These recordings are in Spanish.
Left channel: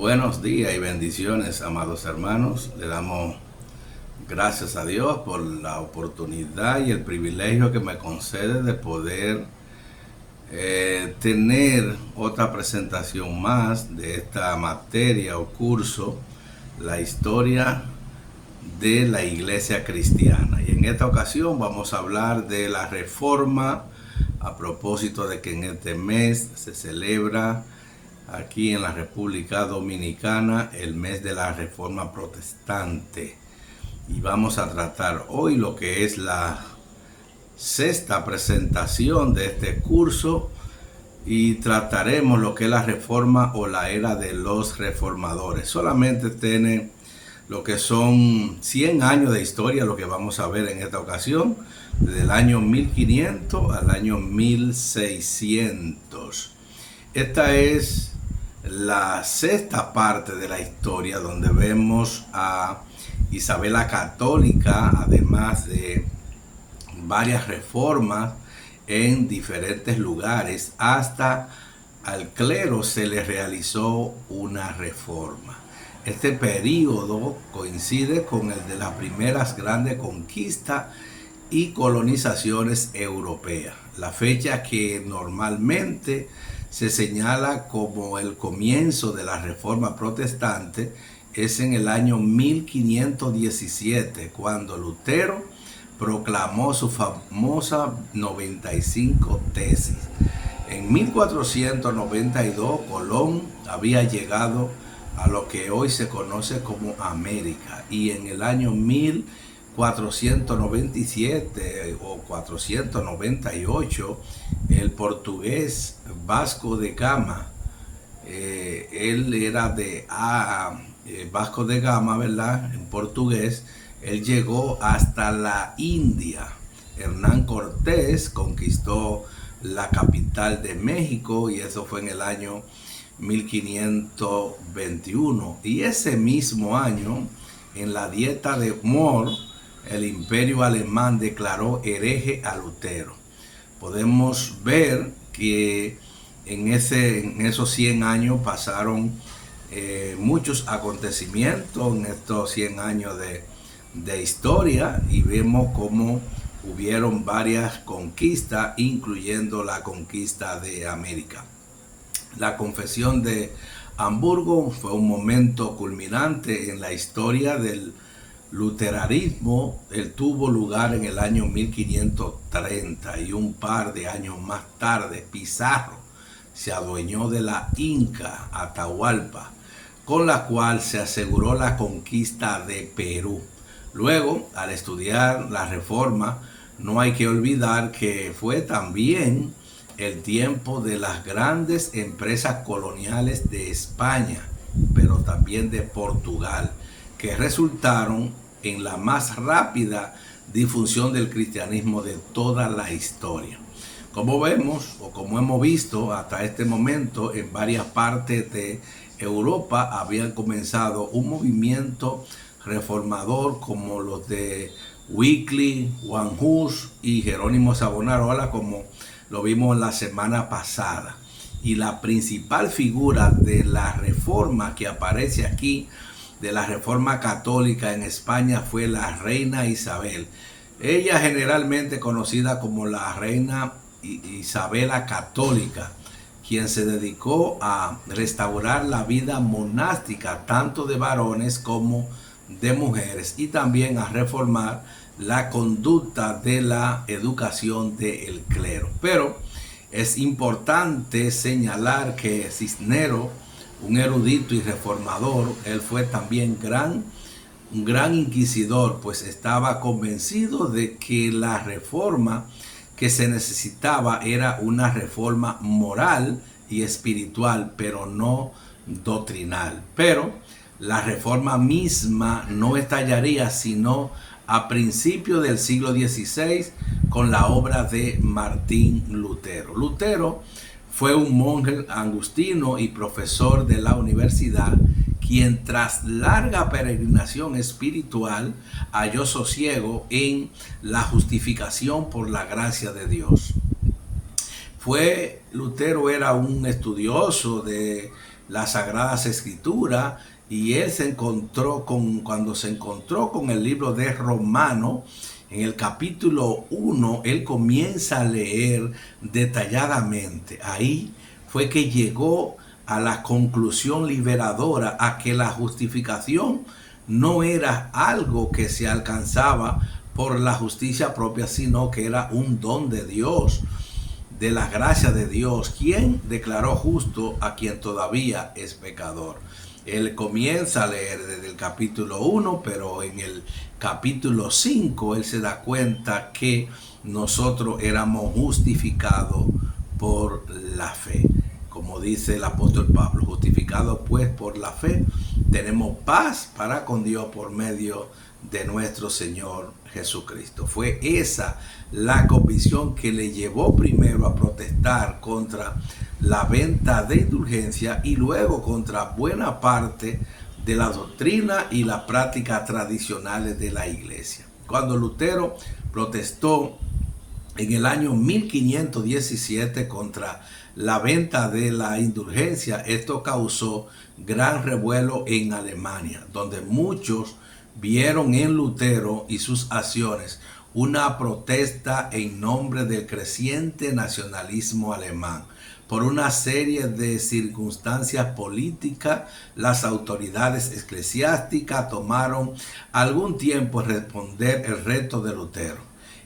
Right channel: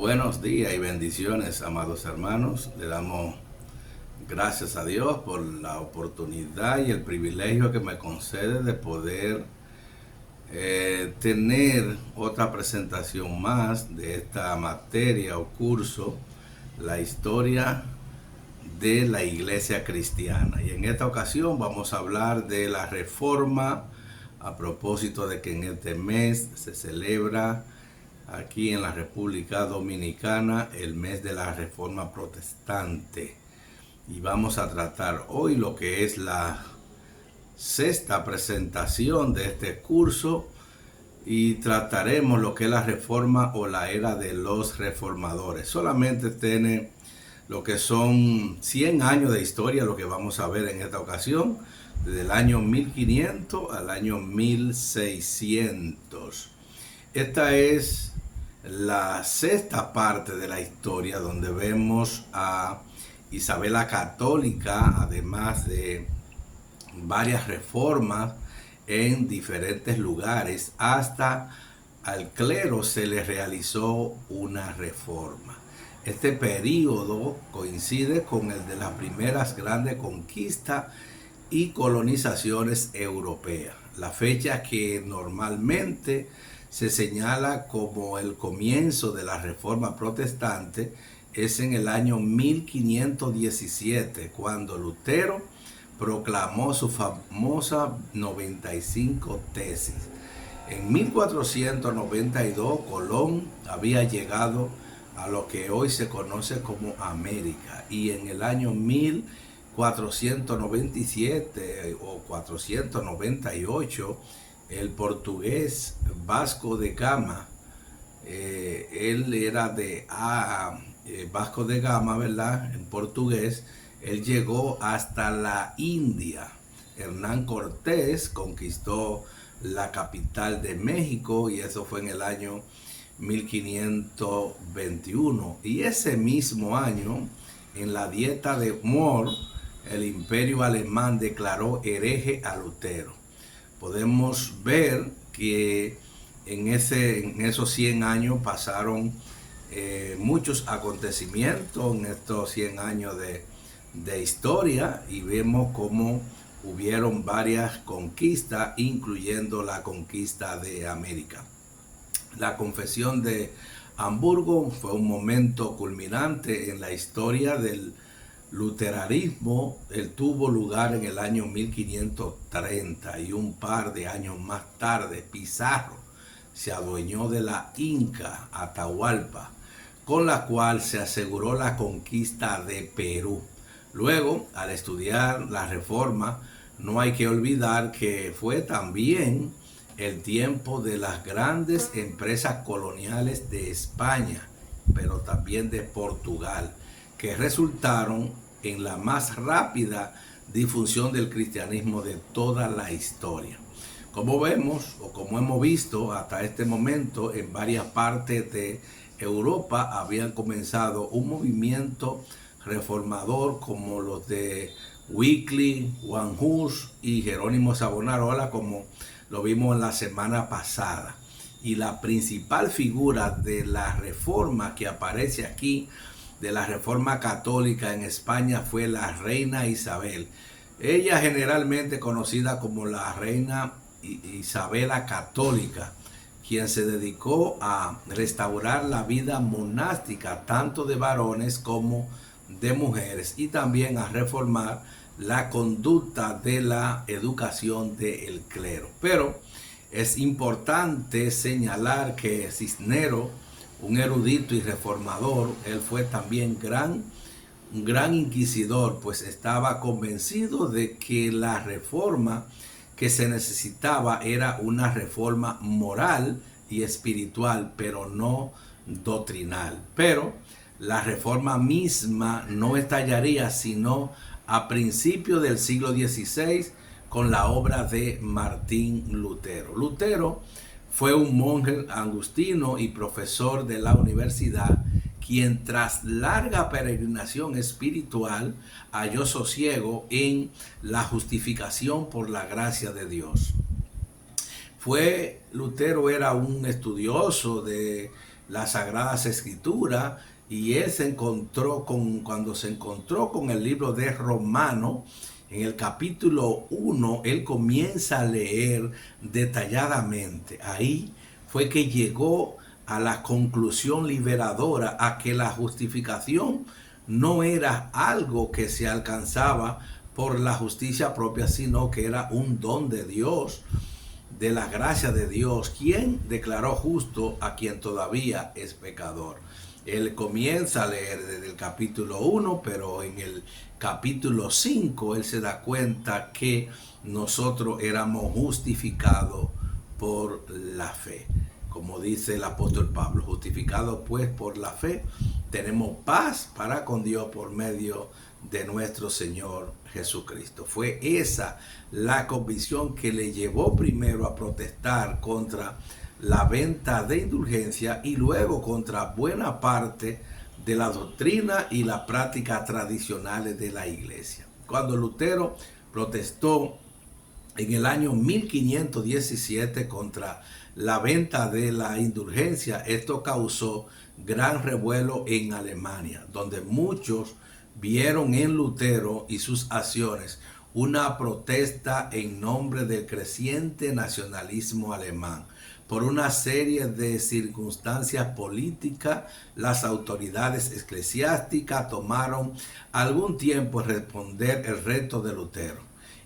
Buenos días y bendiciones, amados hermanos. Le damos gracias a Dios por la oportunidad y el privilegio que me concede de poder tener otra presentación más de esta materia o curso, la historia de la iglesia cristiana. Y en esta ocasión vamos a hablar de la reforma, a propósito de que en este mes se celebra aquí en la República Dominicana el mes de la Reforma Protestante. Y vamos a tratar hoy lo que es la sexta presentación de este curso y trataremos lo que es la reforma o la era de los reformadores. Solamente tiene lo que son 100 años de historia, lo que vamos a ver en esta ocasión, desde el año 1500 al año 1600. Esta es la sexta parte de la historia donde vemos a Isabel la Católica, además de varias reformas en diferentes lugares, hasta al clero se le realizó una reforma. Este periodo coincide con el de las primeras grandes conquistas y colonizaciones europeas. La fecha que normalmente se señala como el comienzo de la Reforma Protestante es en el año 1517, cuando Lutero proclamó su famosa 95 tesis. En 1492 Colón había llegado a lo que hoy se conoce como América, y en el año 1497 o 498 el portugués Vasco de Gama, él era de Vasco de Gama, ¿verdad? En portugués, él llegó hasta la India. Hernán Cortés conquistó la capital de México, y eso fue en el año 1521. Y ese mismo año, en la Dieta de Moore, el imperio alemán declaró hereje a Lutero. Podemos ver que en esos 100 años pasaron muchos acontecimientos en estos 100 años de historia, y vemos cómo hubieron varias conquistas, incluyendo la conquista de América. La Confesión de Hamburgo fue un momento culminante en la historia del luteranismo. Él tuvo lugar en el año 1530, y un par de años más tarde Pizarro se adueñó de la Inca Atahualpa, con la cual se aseguró la conquista de Perú. Luego, al estudiar la reforma, no hay que olvidar que fue también el tiempo de las grandes empresas coloniales de España, pero también de Portugal, que resultaron en la más rápida difusión del cristianismo de toda la historia. Como vemos, o como hemos visto hasta este momento, en varias partes de Europa habían comenzado un movimiento reformador como los de Wycliffe, Juan Hus y Jerónimo Savonarola, como lo vimos la semana pasada. Y la principal figura de la reforma que aparece aquí, de la reforma católica en España, fue la reina Isabel. Ella generalmente conocida como la reina Isabel la Católica, quien se dedicó a restaurar la vida monástica tanto de varones como de mujeres, y también a reformar la conducta de la educación del clero. Pero es importante señalar que Cisneros, un erudito y reformador, él fue también un gran inquisidor, pues estaba convencido de que la reforma que se necesitaba era una reforma moral y espiritual, pero no doctrinal. Pero la reforma misma no estallaría sino a principios del siglo XVI con la obra de Martín Lutero. Lutero fue un monje agustino y profesor de la universidad, quien tras larga peregrinación espiritual halló sosiego en la justificación por la gracia de Dios. Lutero era un estudioso de las Sagradas Escrituras, y él cuando se encontró con el libro de Romano, en el capítulo 1, él comienza a leer detalladamente. Ahí fue que llegó a la conclusión liberadora a que la justificación no era algo que se alcanzaba por la justicia propia, sino que era un don de Dios, de la gracia de Dios, quien declaró justo a quien todavía es pecador. Él comienza a leer desde el capítulo 1, pero en el capítulo 5 él se da cuenta que nosotros éramos justificados por la fe. Como dice el apóstol Pablo, justificados pues por la fe, tenemos paz para con Dios por medio de nuestro Señor Jesucristo. Fue esa la convicción que le llevó primero a protestar contra la venta de indulgencia y luego contra buena parte de la doctrina y las prácticas tradicionales de la iglesia. Cuando Lutero protestó en el año 1517 contra la venta de la indulgencia, esto causó gran revuelo en Alemania, donde muchos vieron en Lutero y sus acciones una protesta en nombre del creciente nacionalismo alemán. Por una serie de circunstancias políticas, las autoridades eclesiásticas tomaron algún tiempo en responder el reto de Lutero.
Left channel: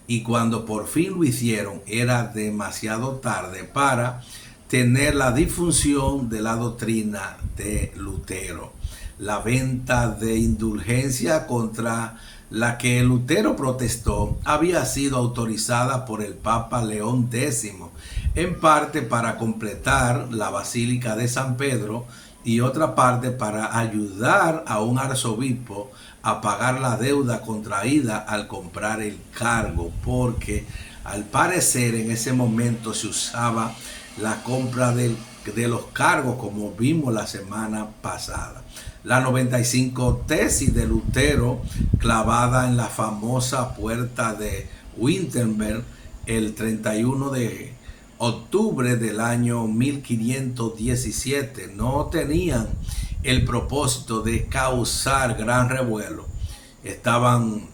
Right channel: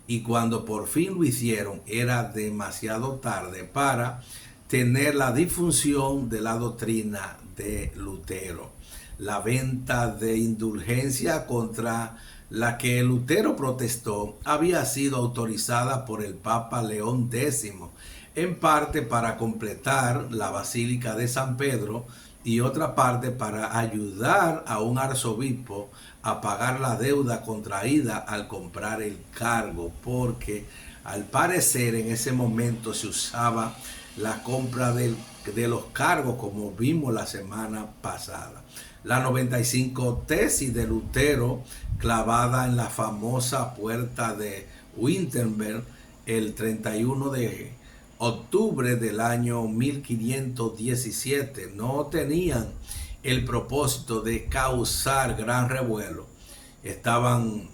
Y cuando por fin lo hicieron, era demasiado tarde para tener la difusión de la doctrina de Lutero. La venta de indulgencia contra la que Lutero protestó había sido autorizada por el Papa León X, en parte para completar la Basílica de San Pedro y otra parte para ayudar a un arzobispo a pagar la deuda contraída al comprar el cargo, porque al parecer en ese momento se usaba la compra de los cargos, como vimos la semana pasada. La 95 tesis de Lutero, clavada en la famosa puerta de Wittenberg el 31 de octubre del año 1517, no tenían el propósito de causar gran revuelo. Estaban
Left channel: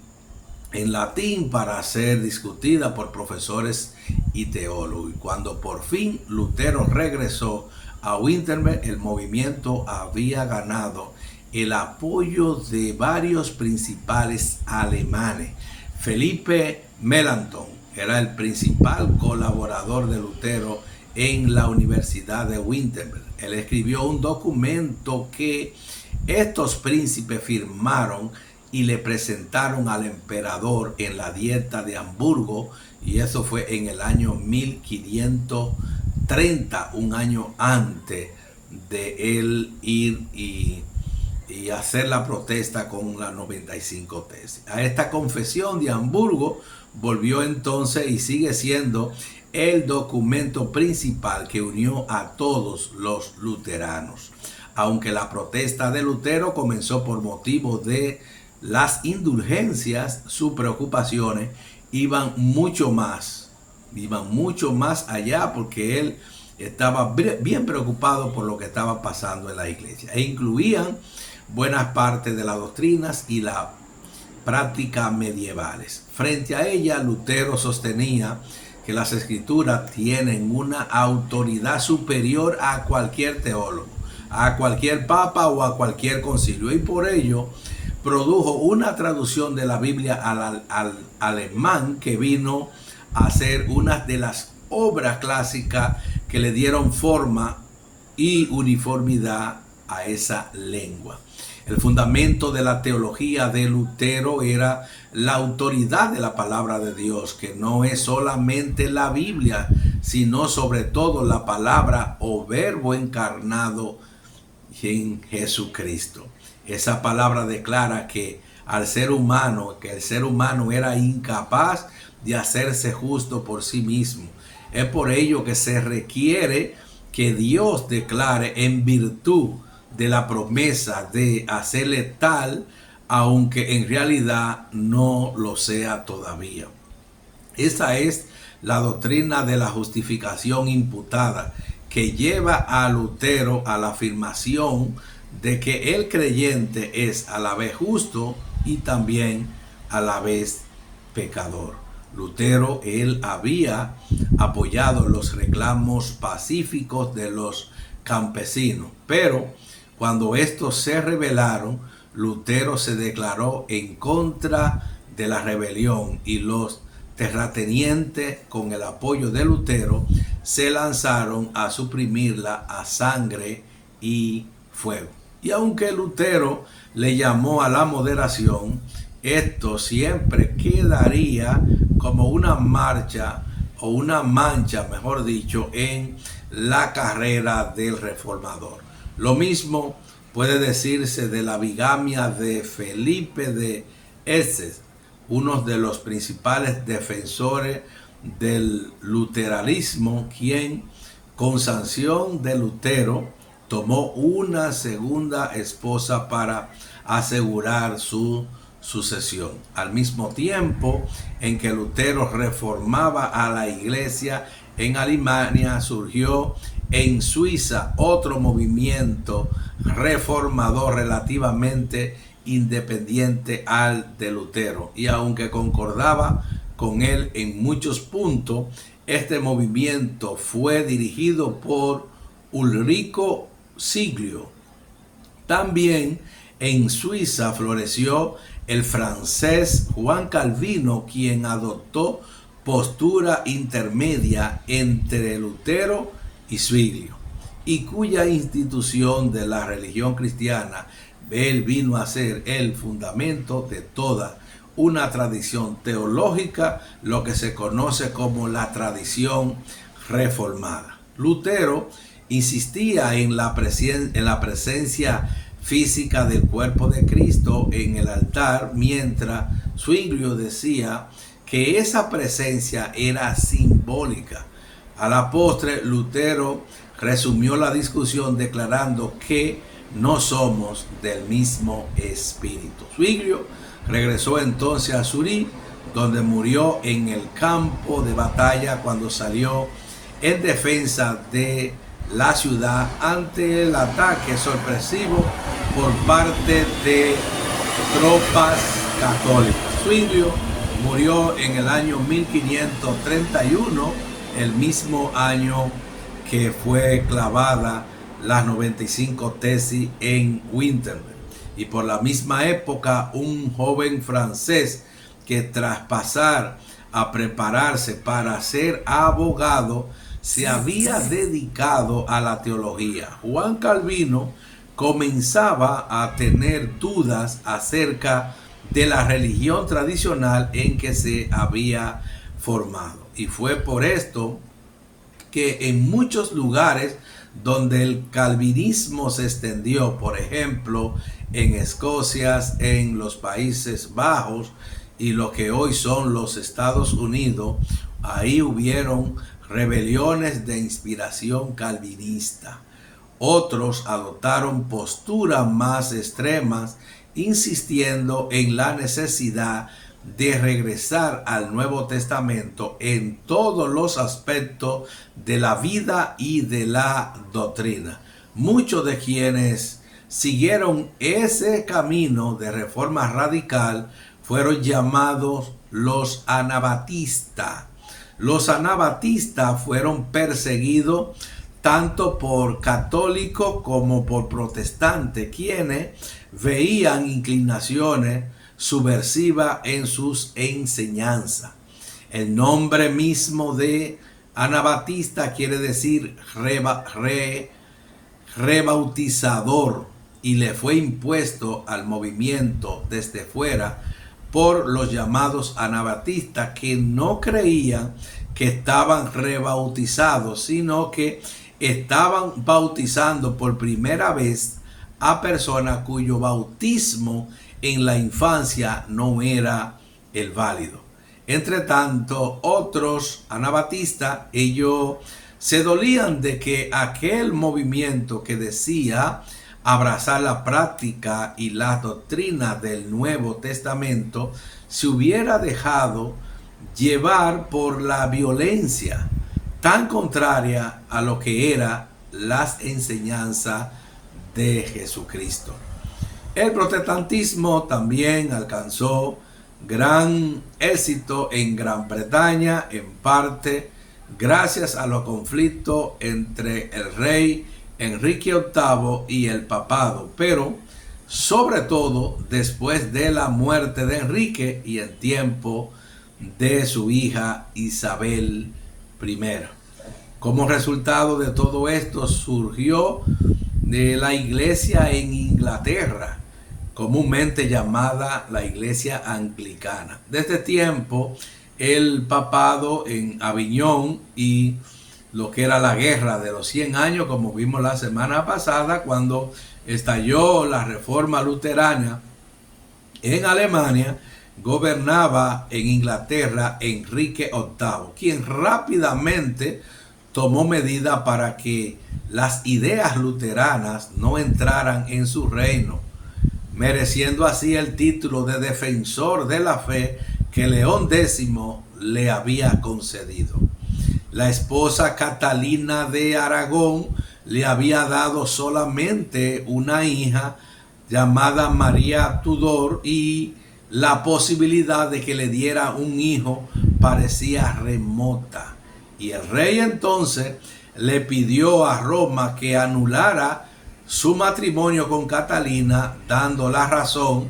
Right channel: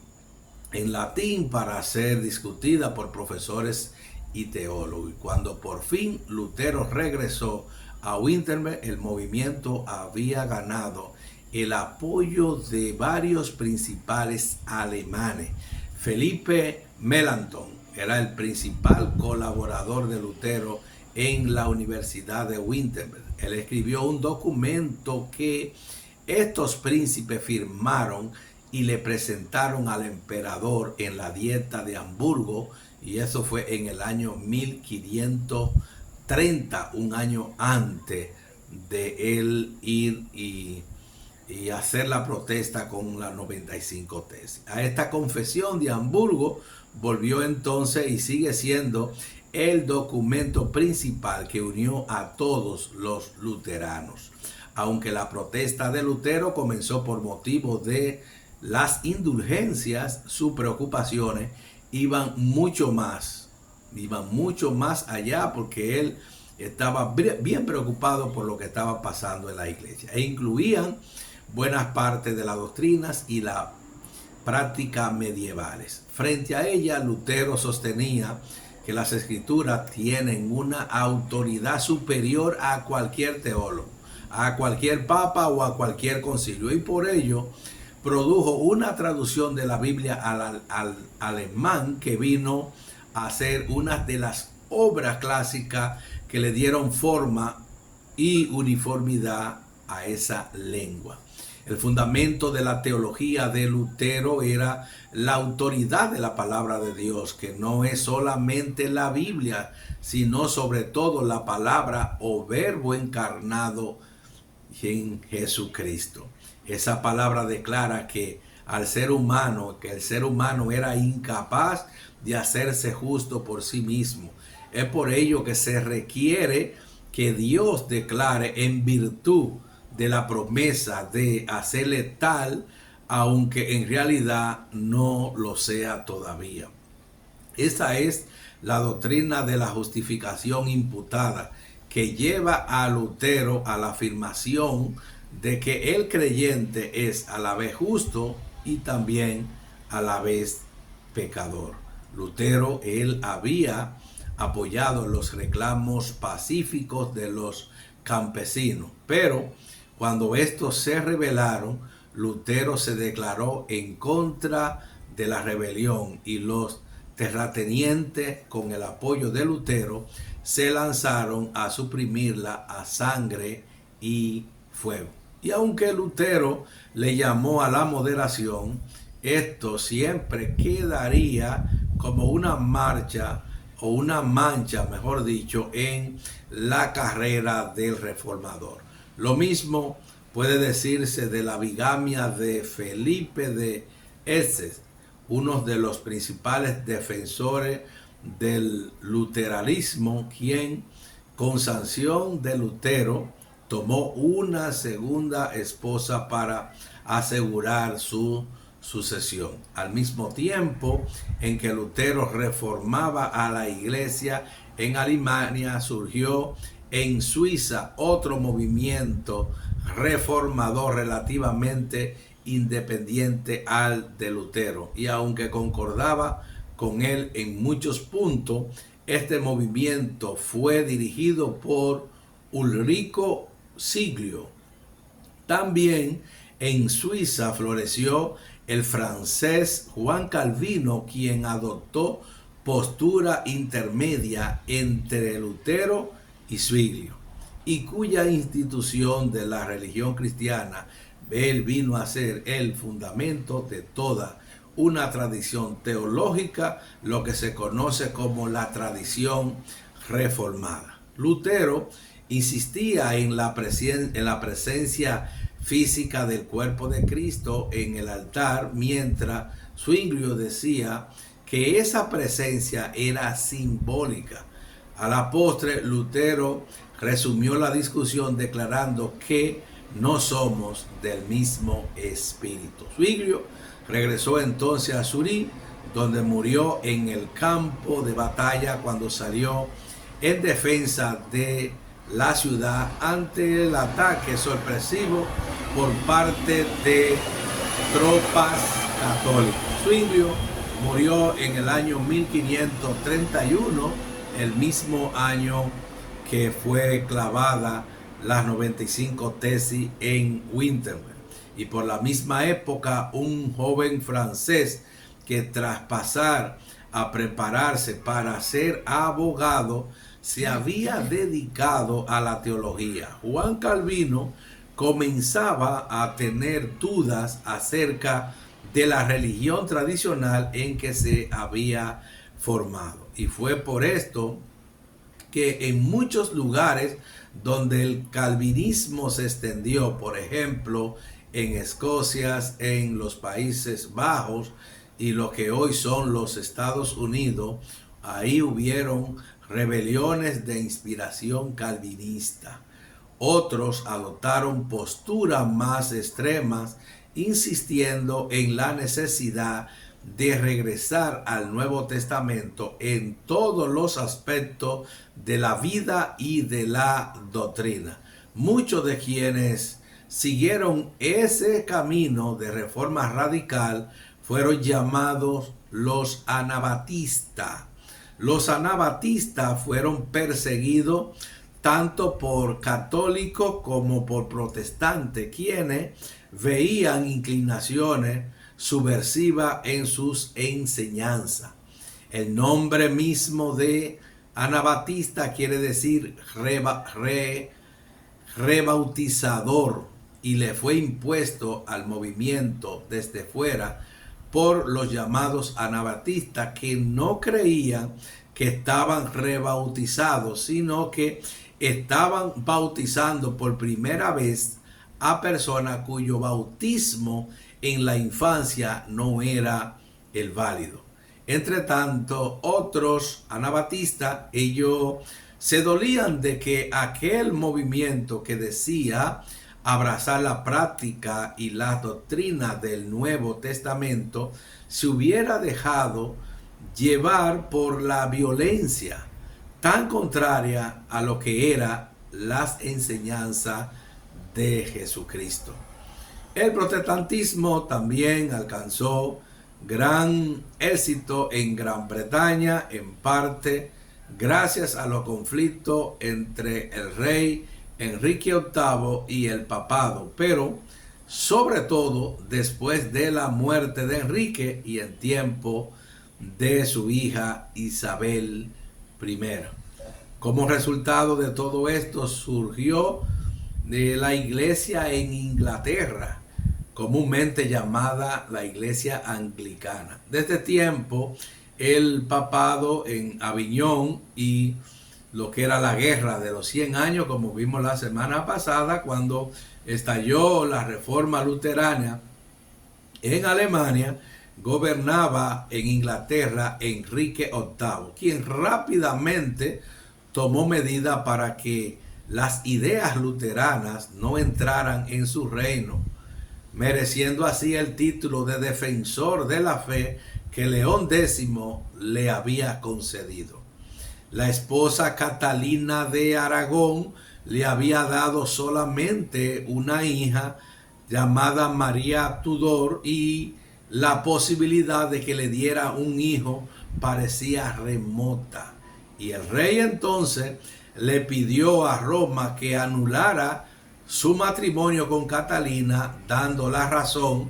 en latín para ser discutida por profesores y teólogos. Y cuando por fin Lutero regresó a Wittenberg, el movimiento había ganado el apoyo de varios principales alemanes. Felipe Melanchthon era el principal colaborador de Lutero en la Universidad de Wittenberg. Él escribió un documento que estos príncipes firmaron y le presentaron al emperador en la Dieta de Hamburgo, y eso fue en el año 1530, un año antes de él ir y hacer la protesta con la 95 tesis. A esta confesión de Hamburgo volvió entonces y sigue siendo el documento principal que unió a todos los luteranos. Aunque la protesta de Lutero comenzó por motivo de las indulgencias, sus preocupaciones iban mucho más allá, porque él estaba bien preocupado por lo que estaba pasando en la iglesia, e incluían buenas partes de las doctrinas y la prácticas medievales. Frente a ella, Lutero sostenía que las escrituras tienen una autoridad superior a cualquier teólogo, a cualquier papa o a cualquier concilio, y por ello produjo una traducción de la Biblia al alemán que vino a ser una de las obras clásicas que le dieron forma y uniformidad a esa lengua. El fundamento de la teología de Lutero era la autoridad de la palabra de Dios, que no es solamente la Biblia, sino sobre todo la palabra o verbo encarnado en Jesucristo. Esa palabra declara que el ser humano era incapaz de hacerse justo por sí mismo. Es por ello que se requiere que Dios declare en virtud de la promesa de hacerle tal, aunque en realidad no lo sea todavía. Esa es la doctrina de la justificación imputada, que lleva a Lutero a la afirmación de que el creyente es a la vez justo y también a la vez pecador. Lutero, él había apoyado los reclamos pacíficos de los campesinos, pero cuando estos se rebelaron, Lutero se declaró en contra de la rebelión y los terratenientes, con el apoyo de Lutero, se lanzaron a suprimirla a sangre y fuego. Y aunque Lutero le llamó a la moderación, esto siempre quedaría como una marcha o una mancha, mejor dicho, en la carrera del reformador. Lo mismo puede decirse de la bigamia de Felipe de Essex, uno de los principales defensores del luteranismo, quien con sanción de Lutero tomó una segunda esposa para asegurar su sucesión. Al mismo tiempo en que Lutero reformaba a la iglesia en Alemania, surgió en Suiza otro movimiento reformador relativamente independiente al de Lutero, y aunque concordaba con él en muchos puntos, este movimiento fue dirigido por Ulrico Siglio. También en Suiza floreció el francés Juan Calvino, quien adoptó postura intermedia entre Lutero y Zwinglio, y cuya institución de la religión cristiana él vino a ser el fundamento de toda una tradición teológica, lo que se conoce como la tradición reformada. Lutero insistía en la presencia física del cuerpo de Cristo en el altar, mientras Zwinglio decía que esa presencia era simbólica. A la postre, Lutero resumió la discusión declarando que no somos del mismo espíritu. Zwinglio regresó entonces a Zurich, donde murió en el campo de batalla cuando salió en defensa de la ciudad ante el ataque sorpresivo por parte de tropas católicas. Zwinglio murió en el año 1531, el mismo año que fue clavada las 95 tesis en Wittenberg. Y por la misma época, un joven francés que tras pasar a prepararse para ser abogado, se había dedicado a la teología. Juan Calvino comenzaba a tener dudas acerca de la religión tradicional en que se había formado. Y fue por esto que en muchos lugares donde el calvinismo se extendió, por ejemplo, en Escocia, en los Países Bajos y lo que hoy son los Estados Unidos, ahí hubieron rebeliones de inspiración calvinista. Otros adoptaron posturas más extremas, insistiendo en la necesidad de regresar al Nuevo Testamento en todos los aspectos de la vida y de la doctrina. Muchos de quienes siguieron ese camino de reforma radical fueron llamados los anabatistas. Los anabatistas fueron perseguidos tanto por católicos como por protestantes, quienes veían inclinaciones subversivas en sus enseñanzas. El nombre mismo de anabatista quiere decir rebautizador, y le fue impuesto al movimiento desde fuera por los llamados anabatistas, que no creían que estaban rebautizados, sino que estaban bautizando por primera vez a personas cuyo bautismo en la infancia no era el válido. Entre tanto, otros anabatistas, ellos se dolían de que aquel movimiento que decía abrazar la práctica y las doctrinas del Nuevo Testamento se hubiera dejado llevar por la violencia, tan contraria a lo que eran las enseñanzas de Jesucristo. El protestantismo también alcanzó gran éxito en Gran Bretaña, en parte gracias a los conflictos entre el rey Enrique VIII y el papado, pero sobre todo después de la muerte de Enrique y en tiempo de su hija Isabel I. Como resultado de todo esto surgió la iglesia en Inglaterra, comúnmente llamada la iglesia anglicana. Desde tiempo, el papado en Aviñón y lo que era la guerra de los 100 años, como vimos la semana pasada, cuando estalló la reforma luterana en Alemania, gobernaba en Inglaterra Enrique VIII, quien rápidamente tomó medidas para que las ideas luteranas no entraran en su reino, mereciendo así el título de defensor de la fe que León X le había concedido. La esposa Catalina de Aragón le había dado solamente una hija llamada María Tudor, y la posibilidad de que le diera un hijo parecía remota. Y el rey entonces le pidió a Roma que anulara su matrimonio con Catalina, dando la razón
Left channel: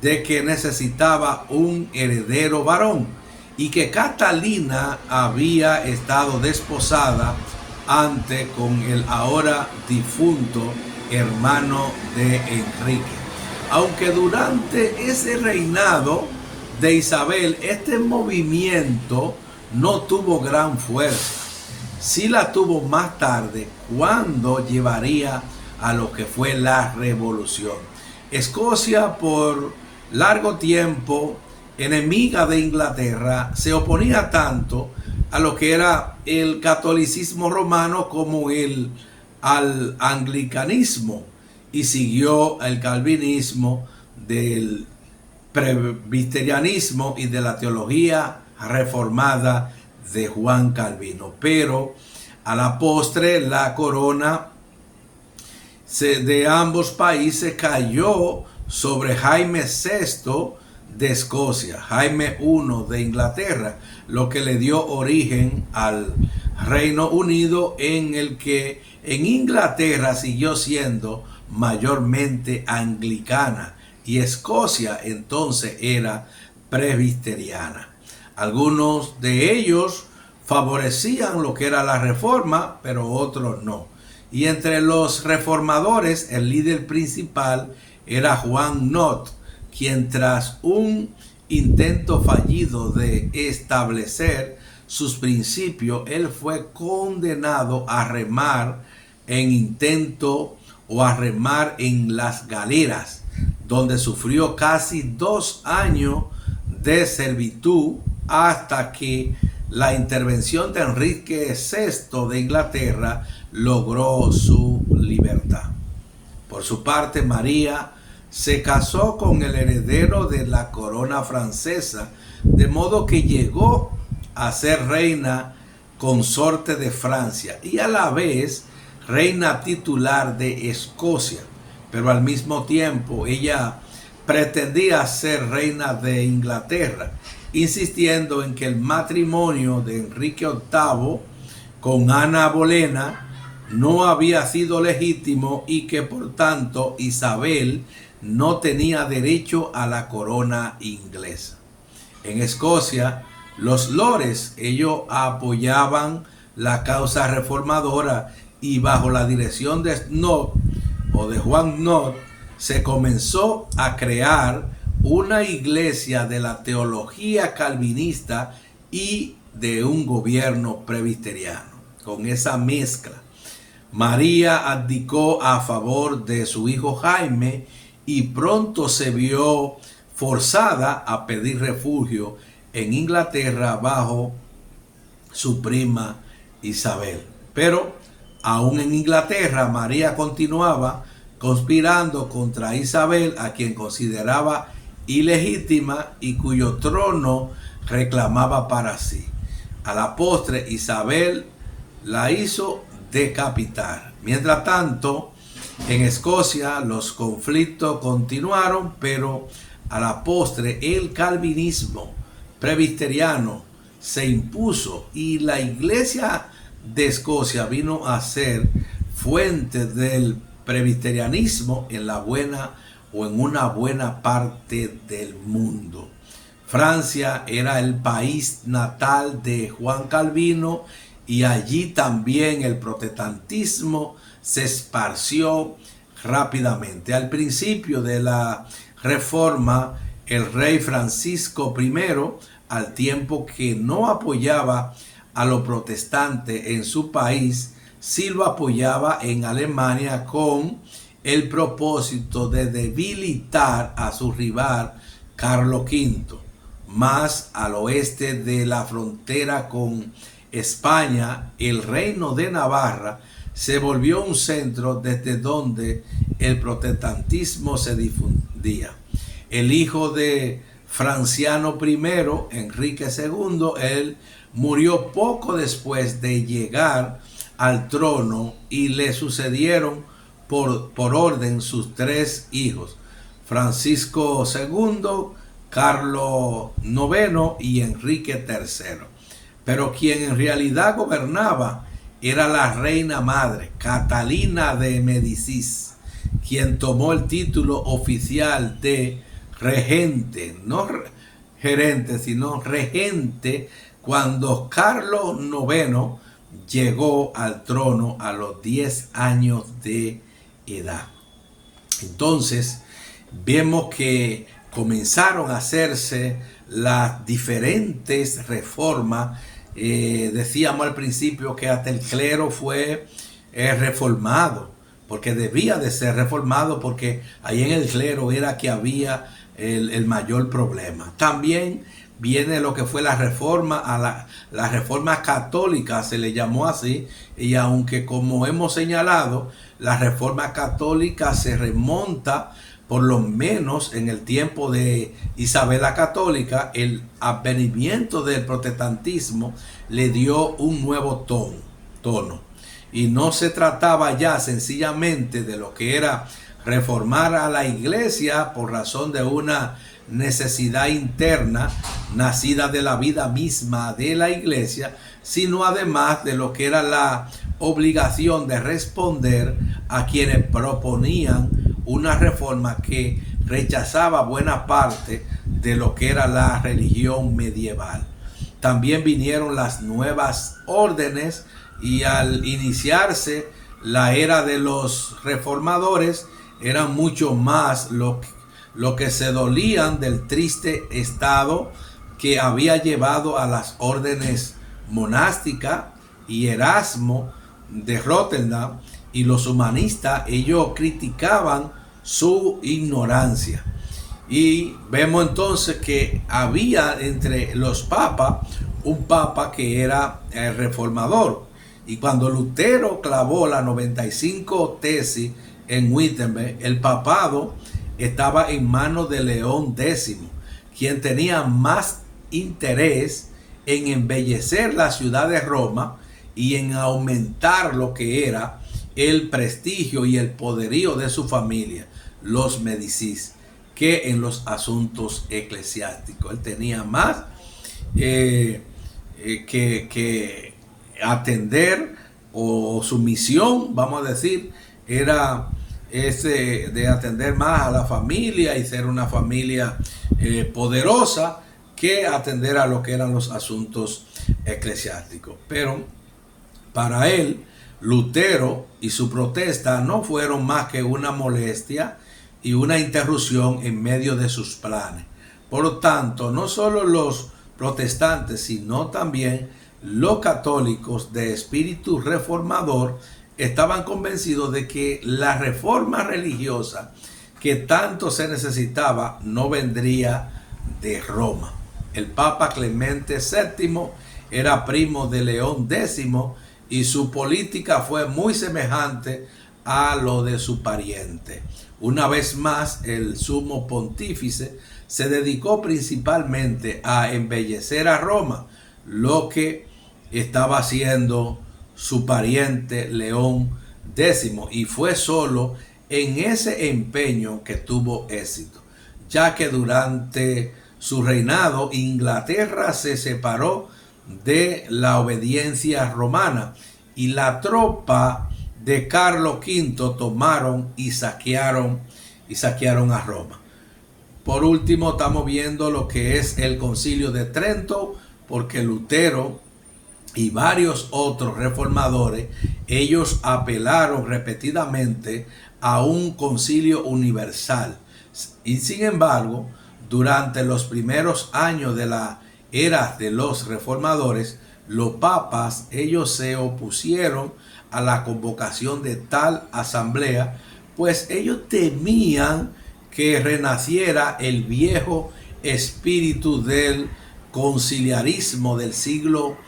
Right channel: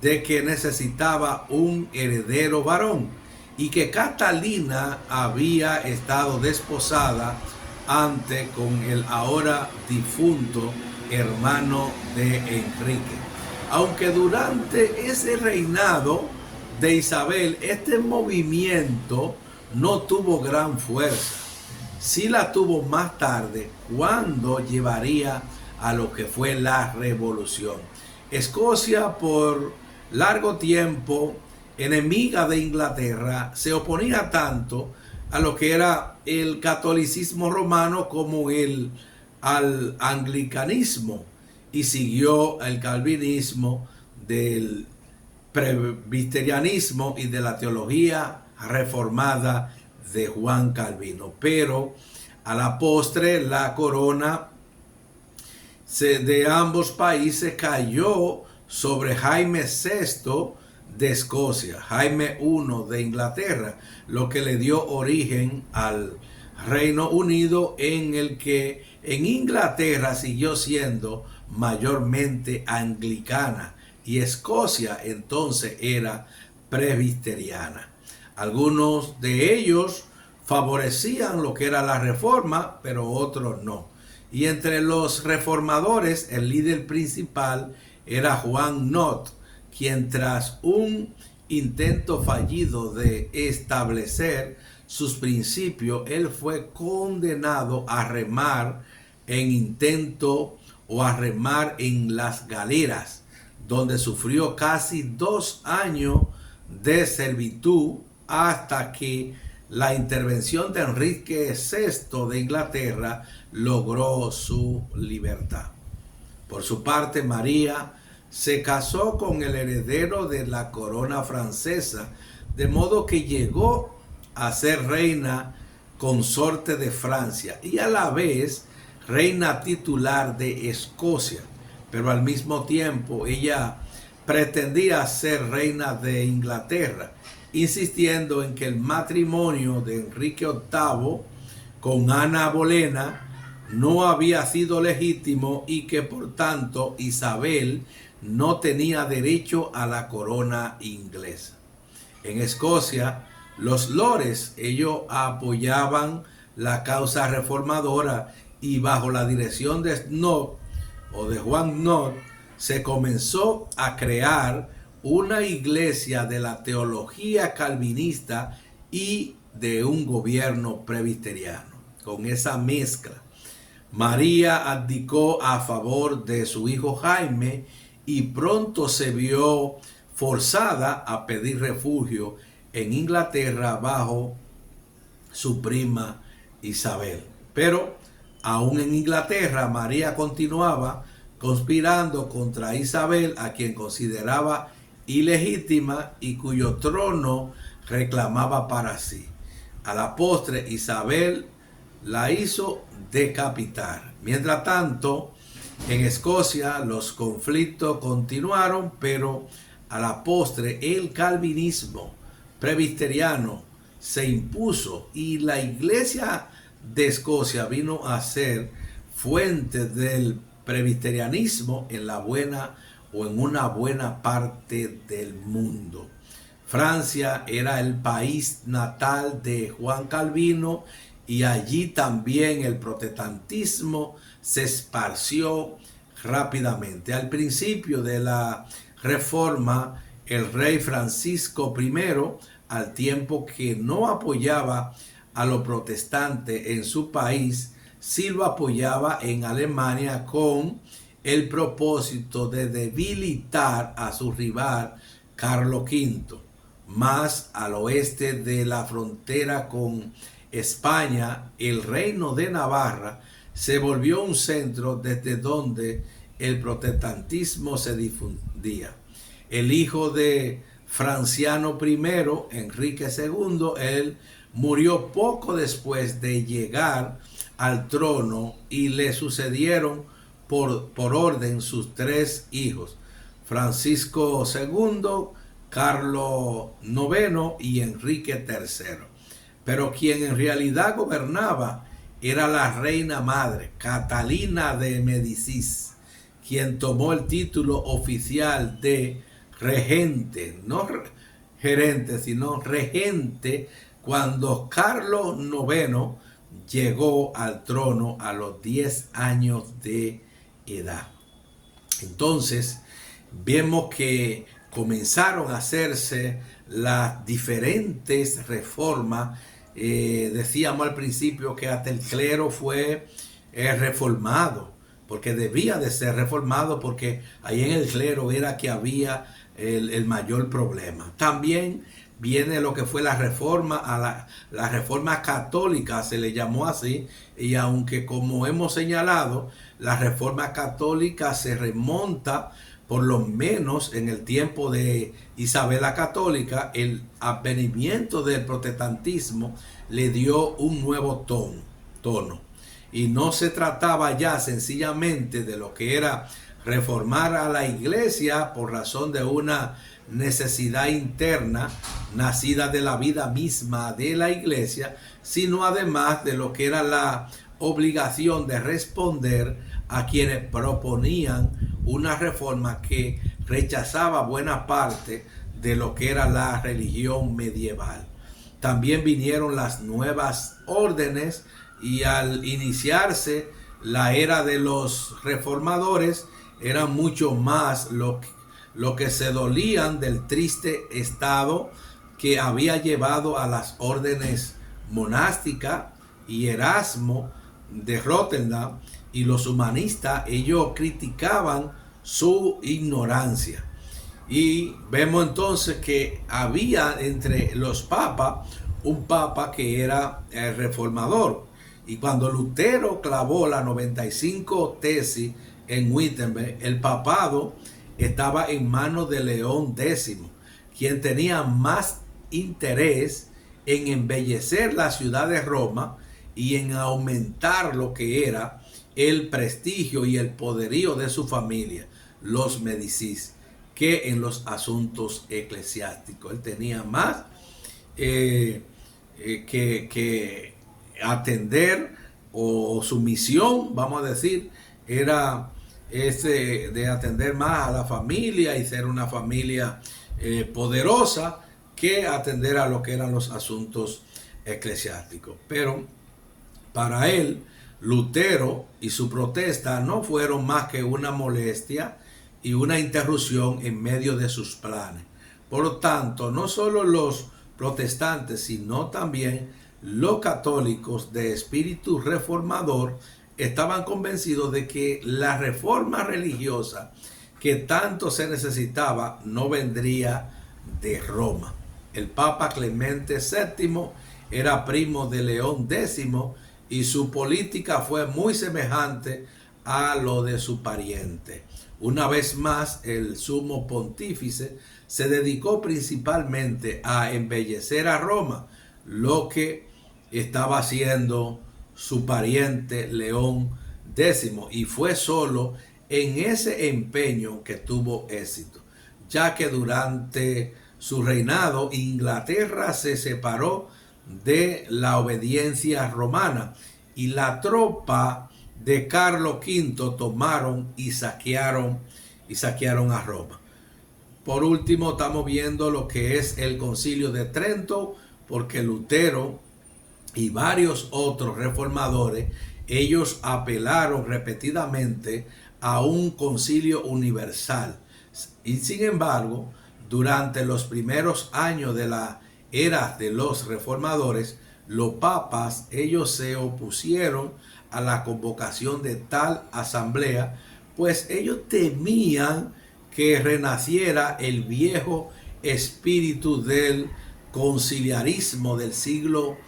de que necesitaba un heredero varón y que Catalina había estado desposada antes con el ahora difunto hermano de Enrique. Aunque durante ese reinado de Isabel este movimiento no tuvo gran fuerza, sí la tuvo más tarde, cuando llevaría a lo que fue la revolución. Escocia, por largo tiempo enemiga de Inglaterra, se oponía tanto a lo que era el catolicismo romano como al anglicanismo, y siguió el calvinismo, del presbiterianismo y de la teología reformada de Juan Calvino. Pero a la postre la corona de ambos países cayó sobre Jaime VI de Escocia, Jaime I de Inglaterra, lo que le dio origen al Reino Unido, en el que en Inglaterra siguió siendo mayormente anglicana y Escocia entonces era presbiteriana. Algunos de ellos favorecían lo que era la reforma, pero otros no. Y entre los reformadores, el líder principal era Juan Knott, quien tras un intento fallido de establecer sus principios, él fue condenado a remar en las galeras, donde sufrió casi 2 años de servitud, hasta que la intervención de Enrique VI de Inglaterra logró su libertad. Por su parte, María se casó con el heredero de la corona francesa, de modo que llegó a ser reina consorte de Francia y a la vez reina titular de Escocia, pero al mismo tiempo ella pretendía ser reina de Inglaterra, insistiendo en que el matrimonio de Enrique VIII con Ana Bolena no había sido legítimo y que por tanto Isabel no tenía derecho a la corona inglesa. En Escocia, los lores, ellos apoyaban la causa reformadora, y bajo la dirección de Knott, o de Juan Knott, se comenzó a crear una iglesia de la teología calvinista y de un gobierno presbiteriano. Con esa mezcla, María abdicó a favor de su hijo Jaime y pronto se vio forzada a pedir refugio en Inglaterra bajo su prima Isabel. Pero aún en Inglaterra, María continuaba conspirando contra Isabel, a quien consideraba ilegítima y cuyo trono reclamaba para sí. A la postre, Isabel la hizo decapitar. Mientras tanto, en Escocia los conflictos continuaron, pero a la postre el calvinismo presbiteriano se impuso y la iglesia de Escocia vino a ser fuente del presbiterianismo en la buena o en una buena parte del mundo. Francia era el país natal de Juan Calvino y allí también el protestantismo se esparció rápidamente. Al principio de la Reforma, el rey Francisco I, al tiempo que no apoyaba a los protestantes en su país, sí lo apoyaba en Alemania con el propósito de debilitar a su rival Carlos V. Más al oeste de la frontera con España, el reino de Navarra se volvió un centro desde donde el protestantismo se difundía. El hijo de Franciano I, Enrique II, él murió poco después de llegar al trono y le sucedieron por orden sus tres hijos, Francisco II, Carlos IX y Enrique III. Pero quien en realidad gobernaba era la reina madre, Catalina de Médicis, quien tomó el título oficial de regente, no gerente, sino regente, cuando Carlos IX llegó al trono a los 10 años de edad. Entonces, vemos que comenzaron a hacerse las diferentes reformas. Decíamos al principio que hasta el clero fue reformado, porque debía de ser reformado, porque ahí en el clero era que había el mayor problema. También viene lo que fue la reforma, la reforma católica, se le llamó así, y aunque como hemos señalado, la reforma católica se remonta por lo menos en el tiempo de Isabel la Católica. El advenimiento del protestantismo le dio un nuevo tono. Y no se trataba ya sencillamente de lo que era reformar a la iglesia por razón de una necesidad interna nacida de la vida misma de la iglesia, sino además de lo que era la obligación de responder a quienes proponían una reforma que rechazaba buena parte de lo que era la religión medieval. También vinieron las nuevas órdenes y al iniciarse la era de los reformadores eran mucho más lo que se dolían del triste estado que había llevado a las órdenes monásticas, y Erasmo de Rotterdam y los humanistas, ellos criticaban su ignorancia. Y vemos entonces que había entre los papas un papa que era el reformador. Y cuando Lutero clavó las 95 tesis en Wittenberg, el papado estaba en manos de León X, quien tenía más interés en embellecer la ciudad de Roma y en aumentar lo que era el prestigio y el poderío de su familia, los Médicis, que en los asuntos eclesiásticos. Él tenía más que atender, o su misión, vamos a decir, era de atender más a la familia y ser una familia poderosa, que atender a lo que eran los asuntos eclesiásticos. Pero para él, Lutero y su protesta no fueron más que una molestia y una interrupción en medio de sus planes. Por lo tanto, no solo los protestantes, sino también los católicos de espíritu reformador estaban convencidos de que la reforma religiosa que tanto se necesitaba no vendría de Roma. El Papa Clemente VII era primo de León X y su política fue muy semejante a lo de su pariente. Una vez más, el sumo pontífice se dedicó principalmente a embellecer a Roma, lo que estaba haciendo su pariente León X, y fue solo en ese empeño que tuvo éxito, ya que durante su reinado Inglaterra se separó de la obediencia romana y la tropa de Carlos V tomaron y saquearon a Roma. Por último, estamos viendo lo que es el Concilio de Trento, porque Lutero y varios otros reformadores, ellos apelaron repetidamente a un concilio universal. Y sin embargo, durante los primeros años de la era de los reformadores, los papas, ellos se opusieron a la convocación de tal asamblea, pues ellos temían que renaciera el viejo espíritu del conciliarismo del siglo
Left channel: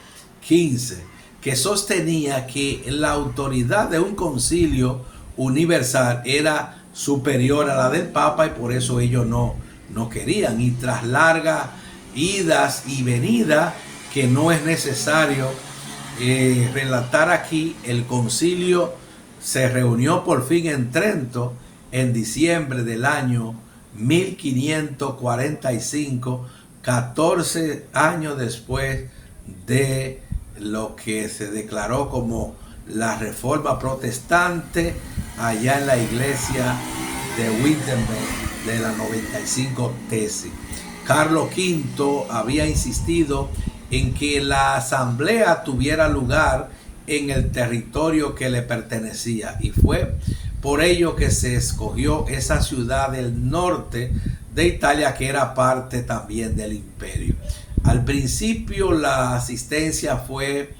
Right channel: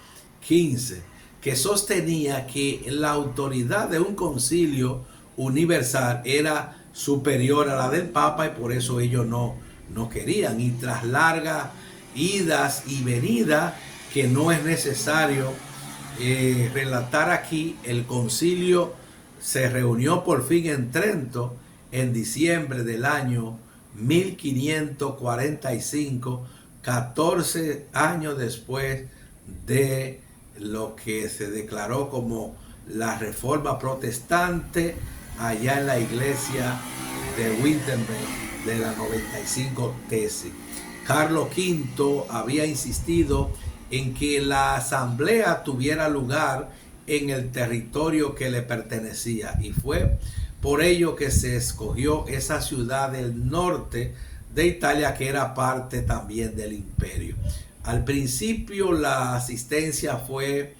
XV, que sostenía que la autoridad de un concilio universal era superior a la del Papa, y por eso ellos no querían. Y tras largas idas y venidas, que no es necesario relatar aquí, el concilio se reunió por fin en Trento en diciembre del año 1545, 14 años después de lo que se declaró como la Reforma Protestante allá en la iglesia de Wittenberg de la 95 tesis. Carlos V había insistido en que la asamblea tuviera lugar en el territorio que le pertenecía, y fue por ello que se escogió esa ciudad del norte de Italia, que era parte también del imperio. Al principio la asistencia fue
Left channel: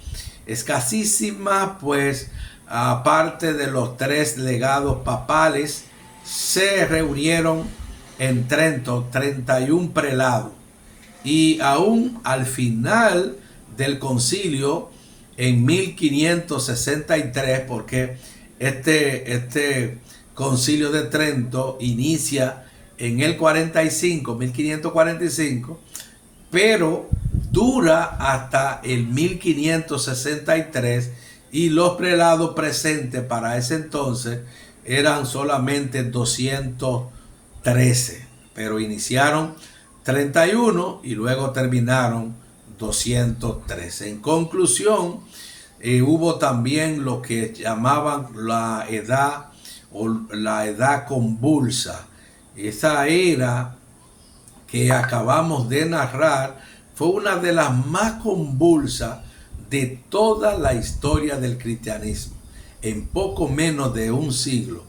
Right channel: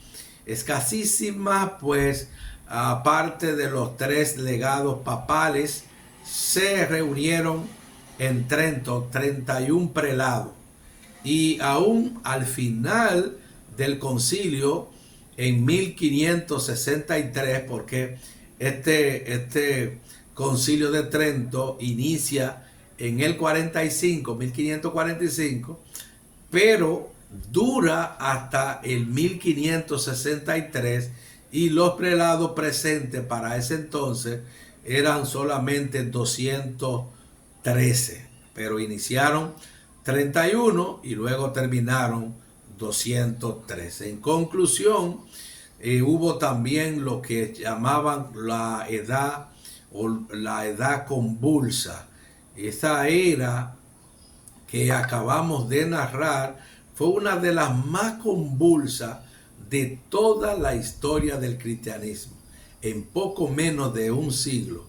escasísima, pues aparte de los 3 legados papales, se reunieron en Trento 31 prelados, y aún al final del concilio en 1563, porque este concilio de Trento inicia en el 1545, pero dura hasta el 1563, y los prelados presentes para ese entonces eran solamente 213, pero iniciaron 31 y luego terminaron 213. En conclusión, hubo también lo que llamaban la edad convulsa. Esa era que acabamos de narrar fue una de las más convulsas de toda la historia del cristianismo. En poco menos de un siglo,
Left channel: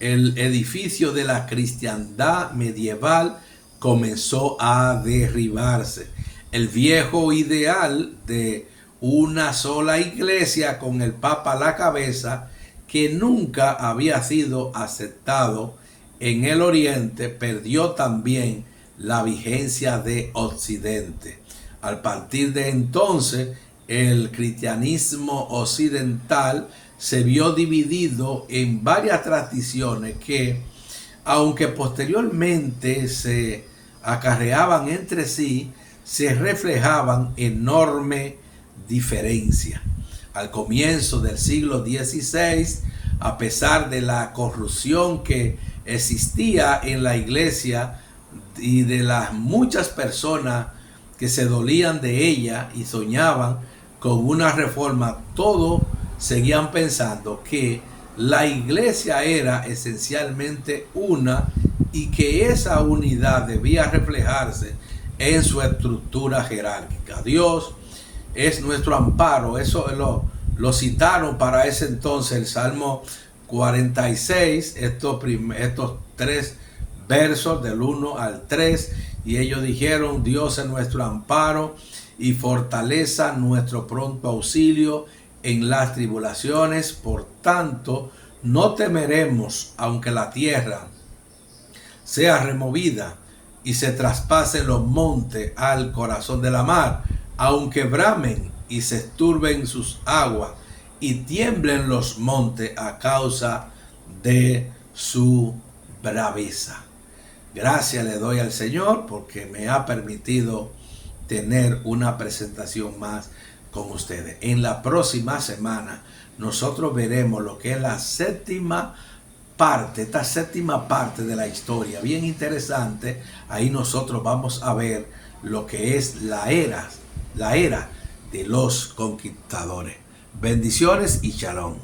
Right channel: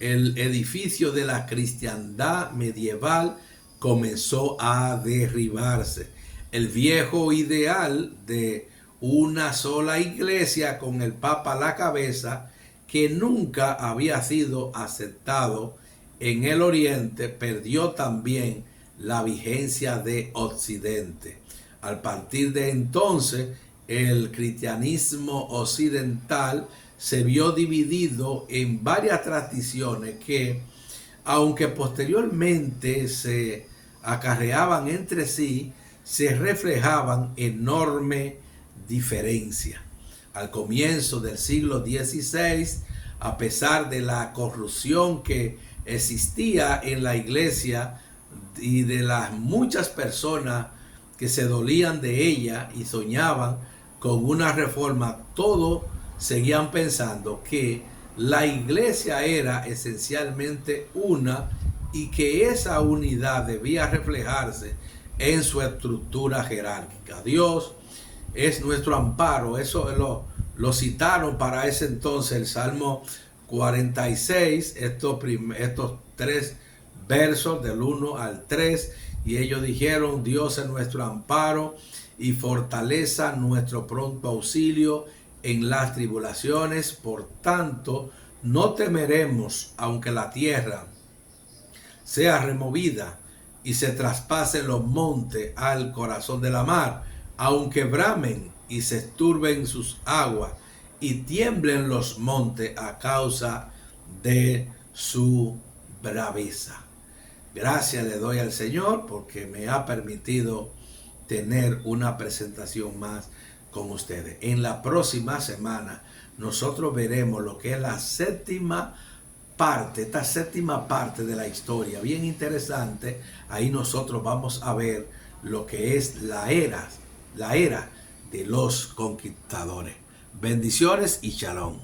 el edificio de la cristiandad medieval comenzó a derribarse. El viejo ideal de una sola iglesia con el Papa a la cabeza, que nunca había sido aceptado en el Oriente, perdió también la vigencia de Occidente. A partir de entonces, el cristianismo occidental se vio dividido en varias tradiciones que, aunque posteriormente se acarreaban entre sí, se reflejaban enorme diferencia. Al comienzo del siglo XVI, a pesar de la corrupción que existía en la iglesia y de las muchas personas que se dolían de ella y soñaban con una reforma, todos seguían pensando que la iglesia era esencialmente una, y que esa unidad debía reflejarse en su estructura jerárquica. Dios es nuestro amparo. Eso lo citaron para ese entonces el Salmo 46, estos 3 versos del 1 al 3, y ellos dijeron: Dios es nuestro amparo y fortaleza, nuestro pronto auxilio en las tribulaciones. Por tanto, no temeremos, aunque la tierra sea removida y se traspasen los montes al corazón de la mar, aunque bramen y se turben sus aguas y tiemblen los montes a causa de su braveza. Gracias le doy al Señor porque me ha permitido tener una presentación más con ustedes. En la próxima semana nosotros veremos lo que es la séptima parte, esta séptima parte de la historia, bien interesante. Ahí nosotros vamos a ver lo que es la era de los conquistadores. Bendiciones y shalom.